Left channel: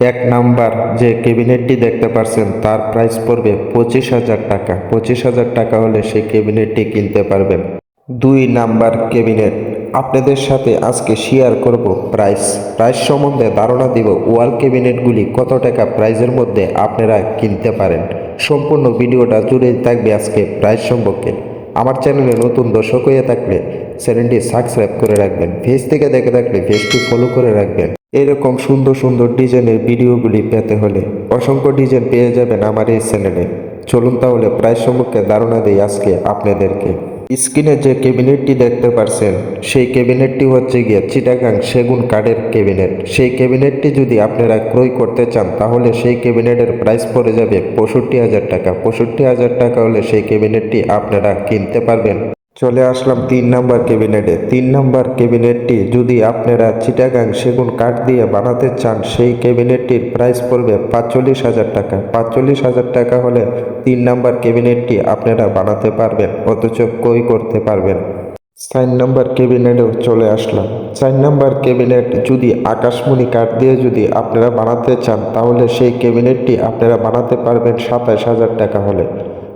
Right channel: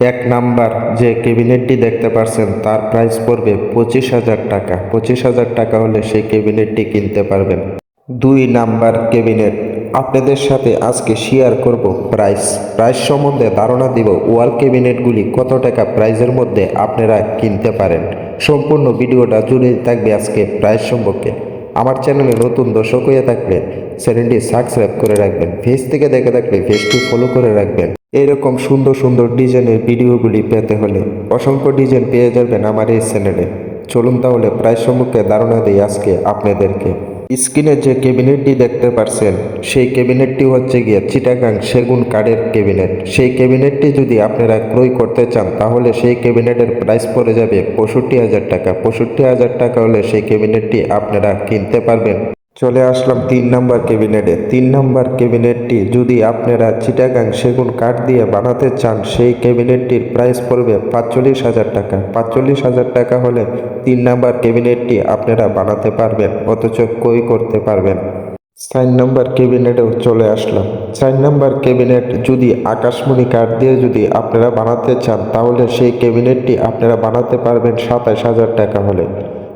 এক নাম্বার যে ক্যাবিনেটটি দেখতে পাচ্ছেন তার প্রাইস পড়বে পঁচিশ হাজার টাকা। পঁচিশ হাজার টাকা হলে সেই ক্যাবিনেটটি কিনতে পারবেন। দুই নাম্বার ক্যাবিনেট। আপনাদের সাথে আজকে শেয়ার করব প্রাইস প্রাইস সম্বন্ধে ধারণা দিব ওয়াল ক্যাবিনেটগুলি কত টাকা প্রাইসের মধ্যে আপনারা কিনতে পারেন। সম্পূর্ণ ভিডিওটা জুড়েই থাকবে আজকে প্রাইস সম্পর্কে। আমার চ্যানেলে নতুন দর্শক হয়ে থাকলে চ্যানেলটি সাবস্ক্রাইব করে রাখবেন ফেস থেকে দেখে থাকলে ফেসটি ফলো করে রাখবেন। এরকম সুন্দর সুন্দর ডিজাইনের ভিডিওগুলি পেতে হলে অসংখ্য ডিজাইন পেয়ে যাবেন আমার এই চ্যানেলে চলুন তাহলে প্রায় সম্পর্কে ধারণা দিই আজকে আপনাদেরকে। স্ক্রিনে যে ক্যাবিনেটটি দেখতে পারছেন, সেই ক্যাবিনেটটি হচ্ছে গিয়ে চিটাগাং সেগুন কাঠের ক্যাবিনেট। সেই ক্যাবিনেটটি যদি আপনারা ক্রয় করতে চান, তাহলে সেই ক্যাবিনেটের প্রাইস পড়ে যাবে পঁয়ষট্টি হাজার টাকা। পঁয়ষট্টি হাজার টাকা হলে সেই ক্যাবিনেটটি আপনারা কিনতে পারবেন। চলে আসলাম তিন নম্বর ক্যাবিনেটে। তিন নম্বর ক্যাবিনেটটি যদি আপনারা চিটাগাং সেগুন কাঠ দিয়ে বানাতে চান, সেই ক্যাবিনেটটির প্রাইস পড়বে পাঁচচল্লিশ হাজার টাকা। পাঁচচল্লিশ হাজার টাকা হলে তিন নম্বর ক্যাবিনেটটি আপনারা বানাতে পারবেন, অথচ কই করতে পারবেন। চার নম্বর ক্যাবিনেটেও চলে আসলাম। চার নম্বর ক্যাবিনেট যদি আকাশমণি কাঠ দিয়ে যদি আপনারা বানাতে চান, তাহলে সেই ক্যাবিনেটটি আপনারা বানাতে পারবেন সাতাশ হাজার টাকা হলে।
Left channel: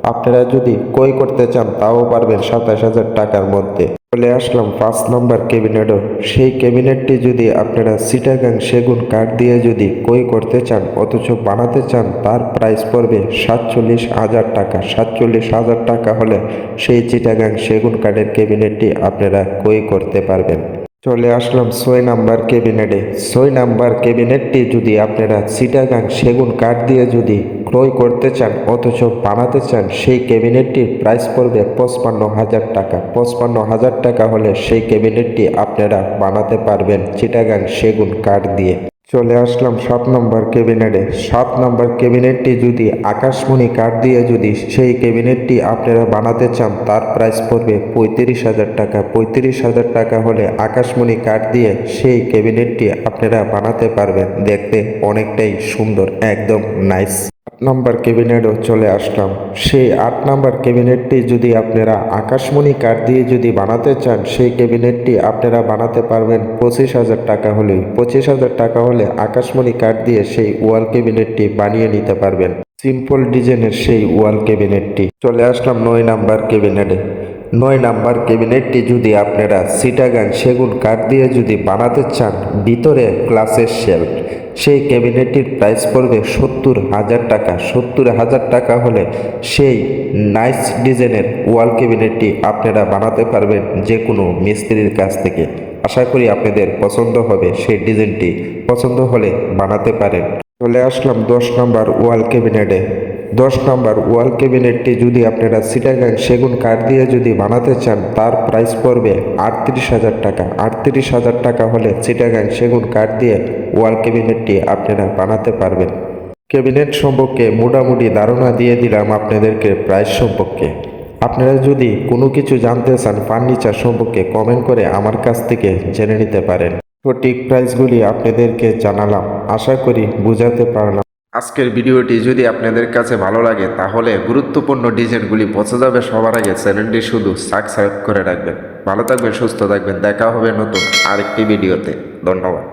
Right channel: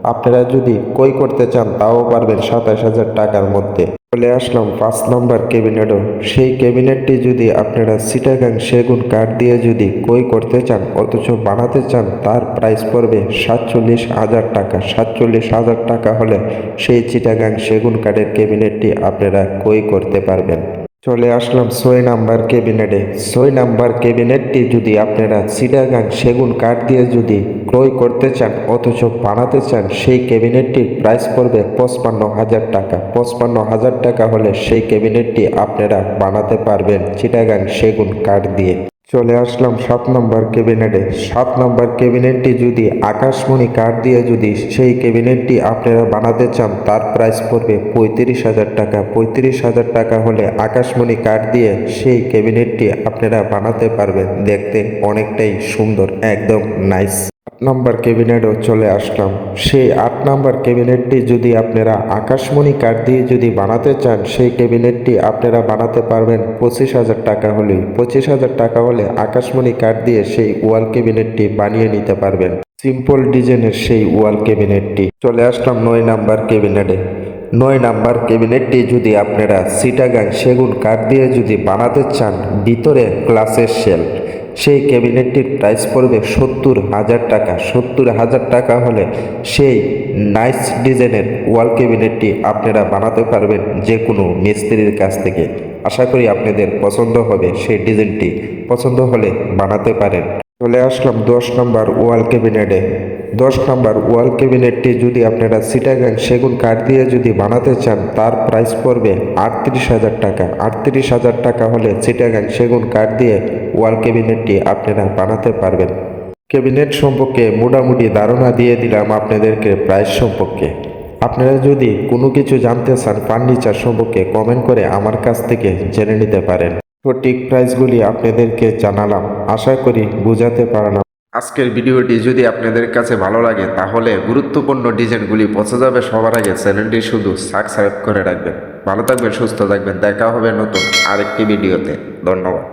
আপনারা যদি কই করতে চান, তাও পারবেন সাতাশ হাজার টাকার মধ্যে। চলে আসলাম পাঁচ নম্বর ক্যাবিনেটও। সেই ক্যাবিনেটটি যদি আপনারা সিটাগাং সেগুন কাঠ দিয়ে যদি কই করতে চান, অথচ বানাতে চান, তার প্রাইস পড়বে সাতচল্লিশ হাজার টাকা। সাতচল্লিশ হাজার টাকা হলে সেই চিটাগাং সেগুন কাঠের ক্যাবিনেটটি আপনারা কই করতে পারবেন। চলে আসলাম ছয় নাম্বার ক্যাবিনেটে। ছয় নাম্বার ক্যাবিনেটটি যদি আপনারা সিটাগাং সেগুন কাঠ দিয়ে যদি ক্রয় করতে চান অথচ বানাতে চান, সেই ক্যাবিনেটটির প্রাইস পড়বে পঁচপান্ন হাজার টাকা। পঁচপান্ন হাজার টাকা হলে সেই ক্যাবিনেটটি আপনারা বানাতে পারবেন চিটাগাং সেগুন কাঠ দিয়ে। চলে আসলাম সাত নম্বর ক্যাবিনেটে। সাত নম্বর ক্যাবিনেটটি যদি আকাশমণি কাঠ দিয়ে যদি সেই ক্যাবিনেটটি আপনারা বানাতে চান, তার প্রাইস পড়বে পঁয়ত্রিশ হাজার টাকা। পঁয়ত্রিশ হাজার টাকা হলে আকাশমণি কাঠ দিয়ে সেই ক্যাবিনেটটি আপনারা বানাতে পারবেন। দেখতে অনেকটাই সুন্দর, একদম নাইস নম্বর ক্যাবিনেটও চলে আসলাম। সেই আট নম্বর ক্যাবিনেটটি যদি আপনারা আকাশমণি কাঠ দিয়ে যদি বানাতে চান, সেই ক্যাবিনেটটি আপনারা বানাতে পারবেন পঁচিশ হাজার টাকা হলে। পঁচিশ হাজার টাকা হলে আকাশমণি কাঠ দিয়ে সেই ওয়াল ক্যাবিনেটটি বানিয়ে নিতে পারবেন। সিম্পল ডিজাইনের সেই ওয়াল ক্যাবিনেটটি চলে আসলাম নয় নাম্বার ক্যাবিনেটে নয় নাম্বার ক্যাবিনেটটি যদি আপনারা সিটাগান সেগুন কাঠ দিয়ে যদি বানাতে চান, ভিতরে গ্লাসের শেল সেই ক্যাবিনেটটির প্রাইস পড়বে সত্তর হাজার টাকা। সত্তর হাজার টাকা হলে সেই নাইস ডিজাইনের ওয়াল ক্যাবিনেটটি আপনারা বানাতে পারবেন যে কোনো মিস্ত্রির কাছ থেকে। আশা করি আপনাদের পছন্দ হবে সেই ডিজাইনটি পছন্দ হলে বানাতে পারেন। চলে আসলাম দশ নম্বর ওয়াল ক্যাবিনেটে দশ নম্বর ওয়াল ক্যাবিনেটটি যদি আপনারা সিটাগাং সেগুন কাঠ দিয়ে যদি বানাতে চান, তার প্রাইস পড়বে আটত্রিশ হাজার টাকা। আটত্রিশ হাজার টাকা হলে সিটাগাং সেগুন কাঠ দিয়ে ওয়াল ক্যাবিনেটটি আপনারা বানাতে পারবেন। ক্যাবিনেট সম্পর্কে মোটামুটি ধারণা দিয়ে দিলাম আপনাদেরকে প্রাইস সম্পর্কে। আপনারা যদি কোনো কিছু জানতে চান ফার্নিচার সম্পর্কে কমেন্ট করে আমার কাছ থেকে জেনে নিতে পারেন। সঠিক প্রাইসগুলি আপনাদেরকে জানালাম। আশা করি বোঝাতে পারলাম। আজকের ভিডিওটি যদি আপনাদের কাছে ভালো লাগে, তাহলে গুরুত্বপূর্ণ ডিজাইনগুলি পৌঁছে যাবে সবার আগে। চ্যানেলটি শুধু সাবস্ক্রাইব করে রাখবেন। ভালো থাকবেন, সুস্থ থাকবেন। দেখা হবে নতুন আরেকটি ভিডিওতে। ধন্যবাদ।